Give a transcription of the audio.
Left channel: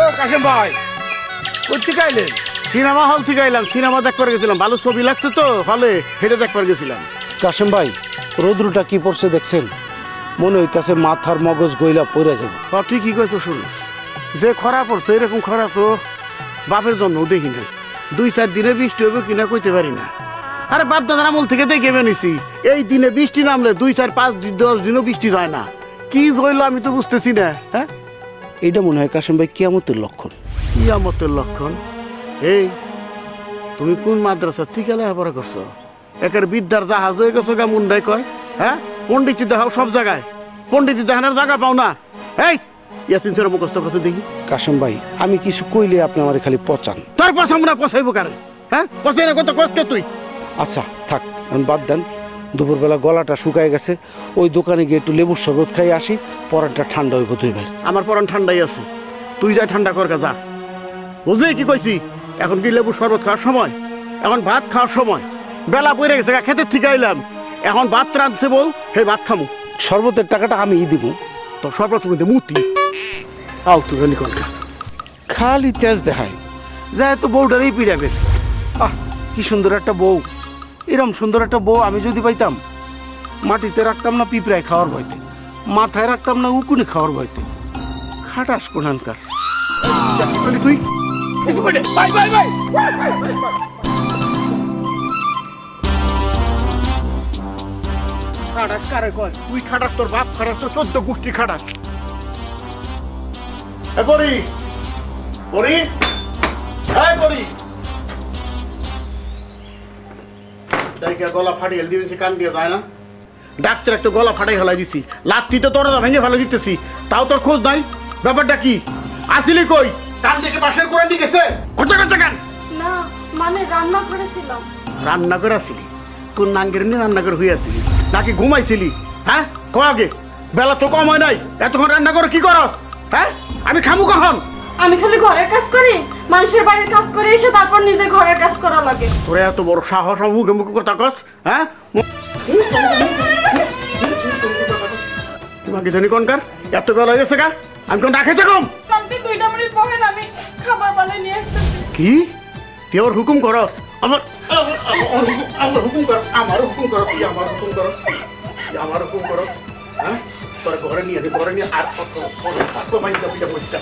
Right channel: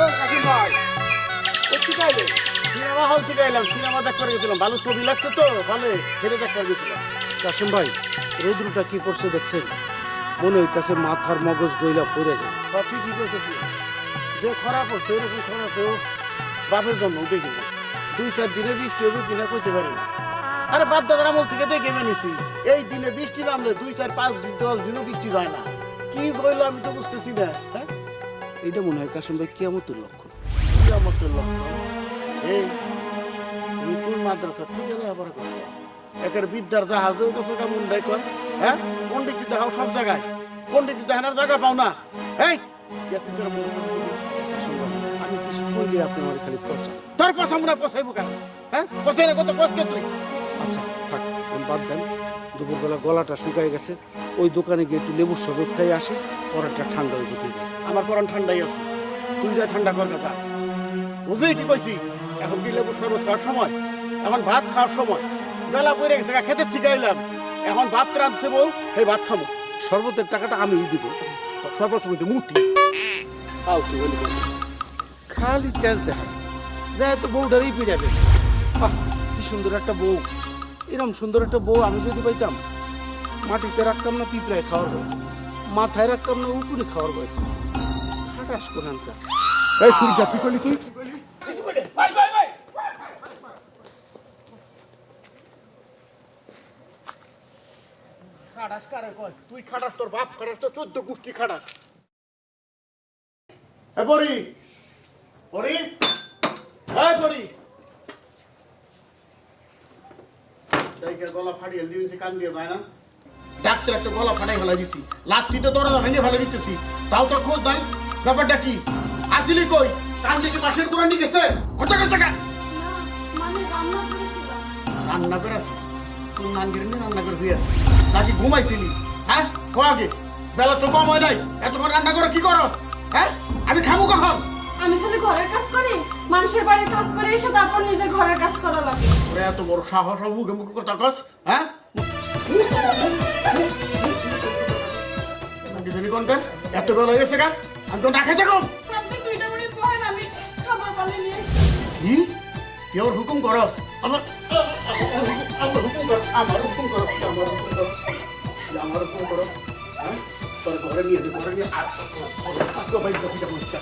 ও কাশেম ভাই। Cinema hall থেকে এলাম সিনেমা দেখ করে গেছিলাম। ভালো ছবি লাগছে তো হলে হেঁটে দেখ করে গেছিলাম। কাশেম ভাই রৌদ্রটা কি পড়ছে দেখছেন? মনে হইতাছে মাথার মগজ গইলা পড়ে যাবে। হ ঠিকই কইতো শুনিস। যে খরা পড়ছে এরকম খরা তো বাপের জন্য দেখি না দুই চার দিনে বৃষ্টি হবে কিনা কইতে পারি না। আরে বাপ দাদার আমল থেকে দেখে বেনিছি এই দিনে বৃষ্টি নামলে দুই চার পাঁচ দিন দশ দিনও বৃষ্টি হয় না। কি হইল আমি তো বুঝতেছি না হ্যাঁ? এইটা মনে হয় কাশেম ভাই কিয়ামতের লক্ষণ। কিয়ামতের লক্ষণ? এই তুমি কোন মাদ্রাসা থেকে লেখাপড়া করছ? একের বিদ্যার জাহাজ হয়ে গেছো গা মুন্ডাই কয় হ্যাঁ? পণ্ডিত দেখাও সব জায়গায়। পণ্ডিত দেখানোর জায়গা পাও না। এই ইয়াসিন স্যার মুখস্থ করতে দেখি। কাশেম ভাই আমি কিছু কইলে আপনি আমার খালি পচান। তোর পছন্দ না পছাইবো কেন হ্যাঁ? পছাই না কত কষ্ট তুই। আচ্ছা থাক বাদ দেন। দুপুরবেলা গলাটা শুকায় গেছে। ওই দোকানে গিয়ে একটু লেবুর শরবত খাই আসি পরাটা ঠান্ডা হইব তুই ভাই। আমার পরান ঠান্ডাই আছে। তুই যা ঠান্ডা কর যা। বুঝলি কি কইছি? এখন কি লেবু শরবত খাওয়ার সময়? এখন ভাত খাওয়ার সময়। বেলা পড়ে গেছে খেতে থেকে আইলাম। এখন ভাত রাঁধছে বল হে ভাত খামু। শরবতের টাকাটা আমি দিব। তো শরবত মধ্যে মুতি আও তুই গলি কর। খালি তেজ দেখায়। যায় তো বউটারই পিড়াবে আহ কি সুন্দর একটা বউ। এরম সুন্দর একটা বউ আমি যদি পাইতাম মাটিতে রাখতাম না পিঁপড়ায় খাওয়ার বইতে মাথায় রাখতাম না উকুনে খাওয়ার বইতে। খাটাস কোনানকার তুই বাই বাই বাই খাটাস কারে কয়? তুই খাটাস তোর বাপ খাটাস তোর চোদ্দ গোষ্ঠী খাটাস। পরি পরি হ্যাঁ পরি। গলা ফাটিয়ে দিয়েছে কান দিয়ে যায় না। ডাক্তার একটা গলা ফাটাই ফেলাই দিছি। লাত্তিতে দরজা ভেঙে ফেলে দিতেছি। তাও তোর খোঁজ নাই? ব্যাপারটা কি? আসিলি কই? কান থেকে বাসের করে নিয়ে গেছে? কোথা কোথা কান। না মানে রান্না করেছিলাম। রান্না করে আসিলি? তোর নাঙ্গের নিয়ে রান্না করে আসিলি? নাকি ঘুমাইছিলি? হ্যাঁ? কো আগে। বেলা তো কম হয় নাই। এতক্ষণ রান্না করে কি করস? হ্যাঁ? আমি খামু কখন? আমি খালি ঘরের কাজ করি মানুষের বাড়ির কাজ করে এসে তারপর নিজের ঘরের কাজ করা লাগে। তোরে এত বড় সাহস আমার মুখে মুখে কথা কস হ্যাঁ? নাকি জানি কোনকার এত বেলা হয়ে গেছে গা আমি কোন রাখেছে কম আপনি দুইটা মিনিট বহেন আমি খাবার পালে নিয়ে আসতে কি? কি ওর হুকুম কর? আমার আমার হুকুম কর আমার হুকুম কর আমার হুকুম কর আমার হুকুম কর হ্যাঁ? তোর ঘরে নিয়ে ঘরে নিয়ে আর কত কত বাইন্দা বুঝা বুঝতা